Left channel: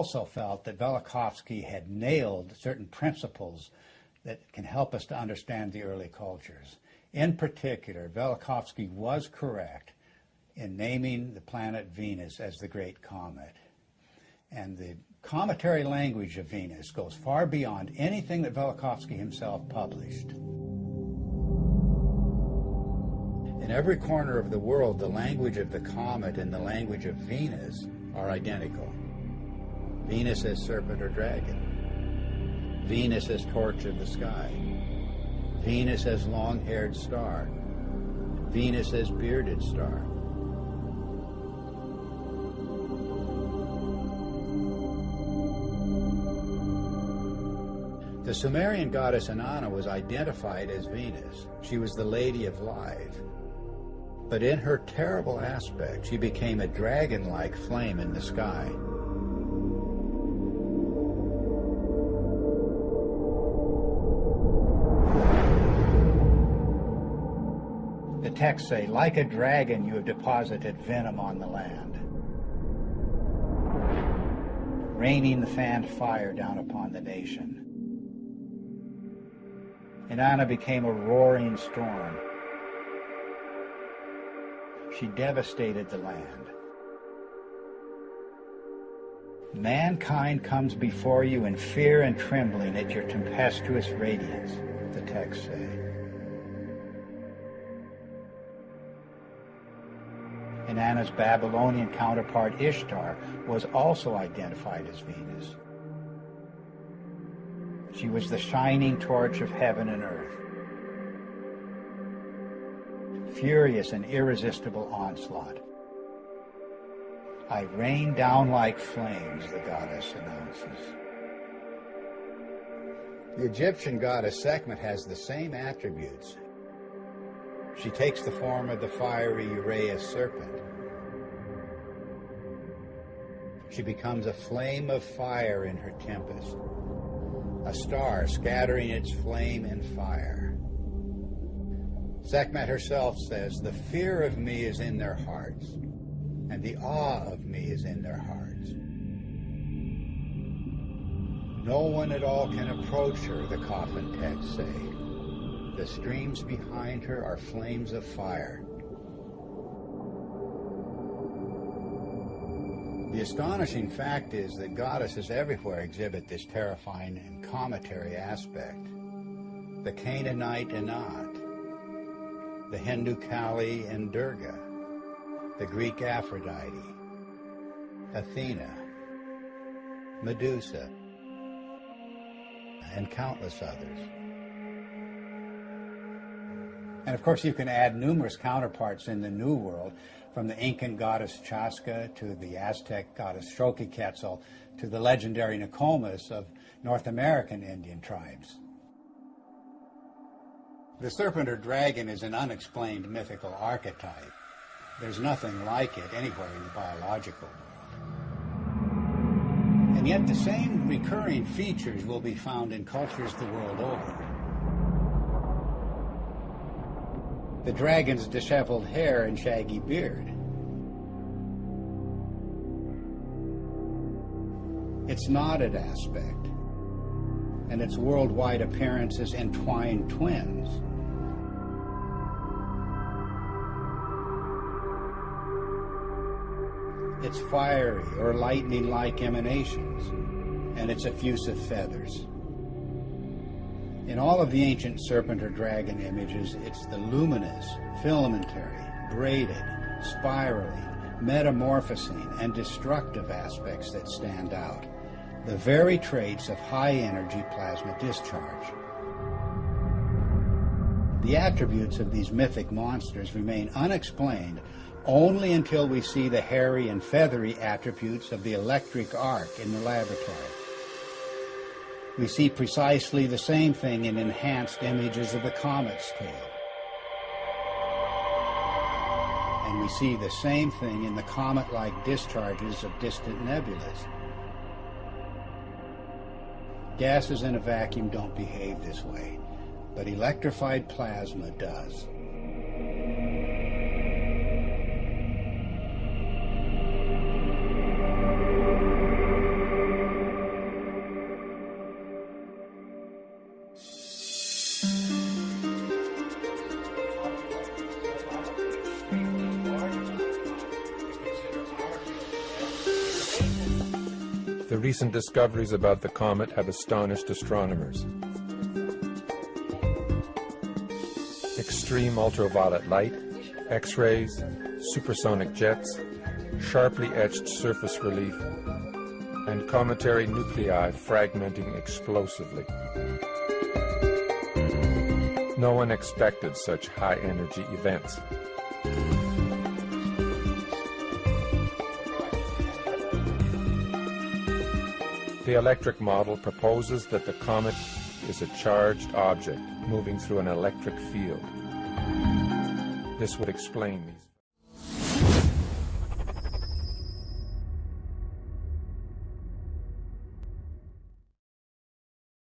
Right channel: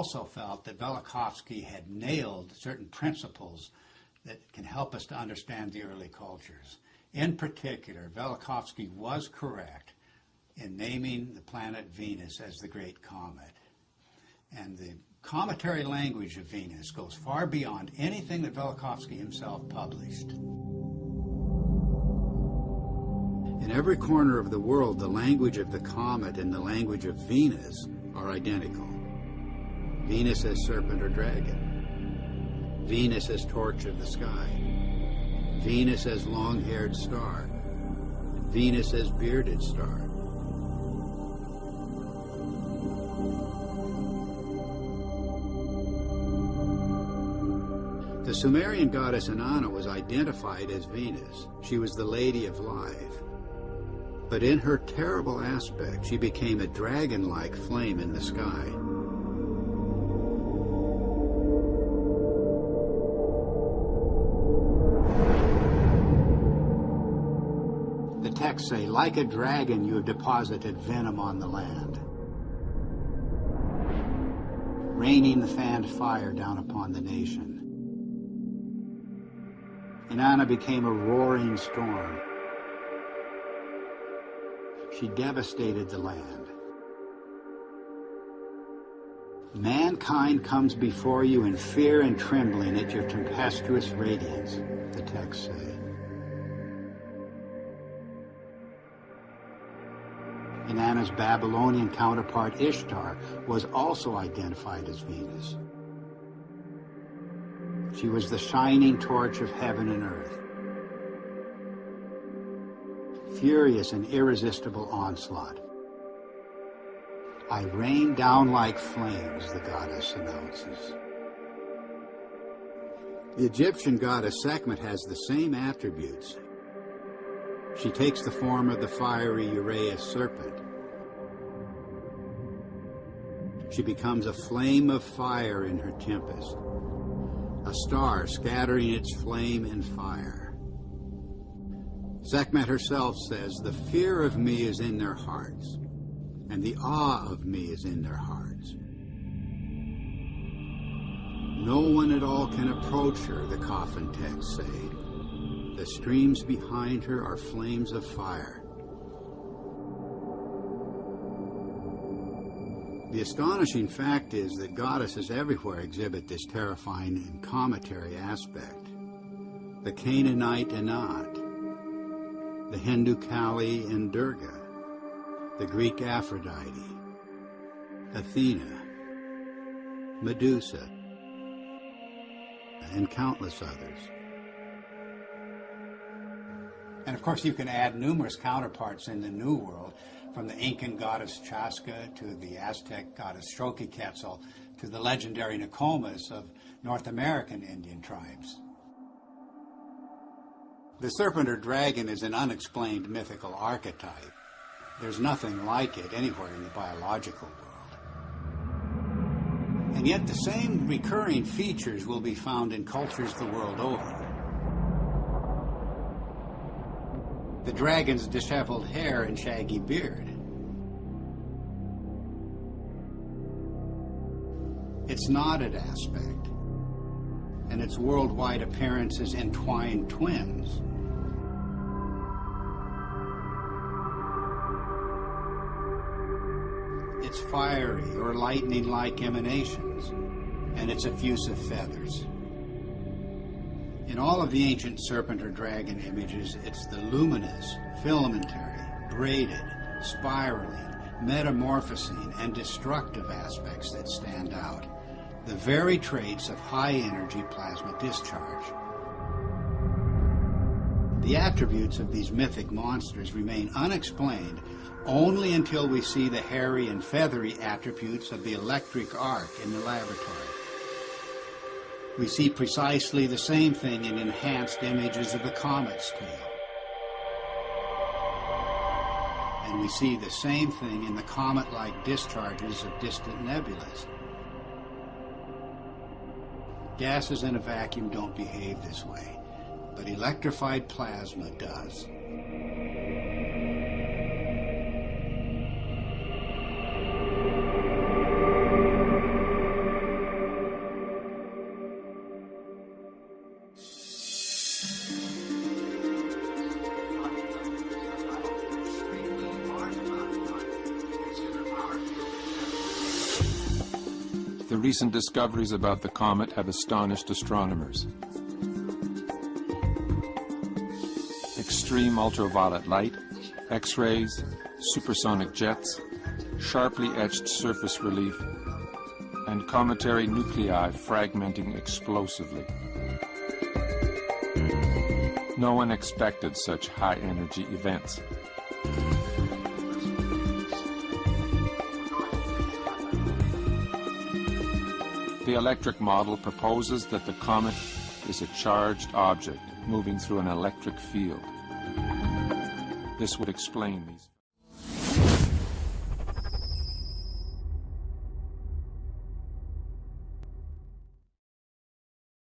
also felt that Velikovsky had nailed certain principles that can help us to understand the early cultures. In particular, Velikovsky was correct in naming the planet Venus as the Great Comet. And the cometary language of Venus goes far beyond anything that Velikovsky himself published. In every corner of the world, the language of the comet and the language of Venus are identical. Venus as serpent or dragon. Venus as torch of the sky. Venus as long-haired star. Venus as bearded star. The Sumerian goddess Inanna was identified as Venus. She was the Lady of Life. But in her terrible aspect, she became a dragon-like flame in the sky. The texts say, like a dragon, you have deposited venom on the land, raining the fanned fire down upon the nation. Inanna became a roaring storm. She devastated the land. Mankind comes before you in fear and trembling at your tempestuous radiance, the texts say. Inanna's Babylonian counterpart Ishtar was also identified as Venus. She was the shining torch of heaven and earth. Furious and irresistible onslaught. I rain down like flames, the goddess announces. The Egyptian goddess Sekhmet has the same attributes. She takes the form of the fiery Uraeus serpent. She becomes a flame of fire in her tempest, a star scattering its flame and fire. Sekhmet herself says, the fear of me is in their hearts, and the awe of me is in their hearts. No one at all can approach her, the coffin texts say. The streams behind her are flames of fire. The astonishing fact is that goddesses everywhere exhibit this terrifying and cometary aspect. The Canaanite Inat, the Hindu Kali and Durga, the Greek Aphrodite, Athena, Medusa, and countless others. And of course you can add numerous counterparts in the New World, from the Incan goddess Chaska to the Aztec goddess Xochiquetzal to the legendary Nokomis of North American Indian tribes. The serpent or dragon is an unexplained mythical archetype. There's nothing like it anywhere in the biological world. And yet the same recurring features will be found in cultures the world over. The dragon's disheveled hair and shaggy beard. Its knotted aspect, and its worldwide appearance as entwined twins. Its fiery or lightning-like emanations, and its effusive feathers. In all of the ancient serpent or dragon images, it's the luminous, filamentary, braided, spiraling, metamorphosing, and destructive aspects that stand out. The very traits of high-energy plasma discharge. The attributes of these mythic monsters remain unexplained only until we see the hairy and feathery attributes of the electric arc in the laboratory. We see precisely the same thing in enhanced images of the comet's tail. And we see the same thing in the comet-like discharges of distant nebulas. Gases in a vacuum don't behave this way, but electrified plasma does. recent discoveries about the comet have astonished astronomers. Extreme ultraviolet light, X-rays, supersonic jets, sharply etched surface relief, and cometary nuclei fragmenting explosively. No one expected such high-energy events. The electric model proposes that the comet is a charged object moving through an electric field. This would explain these.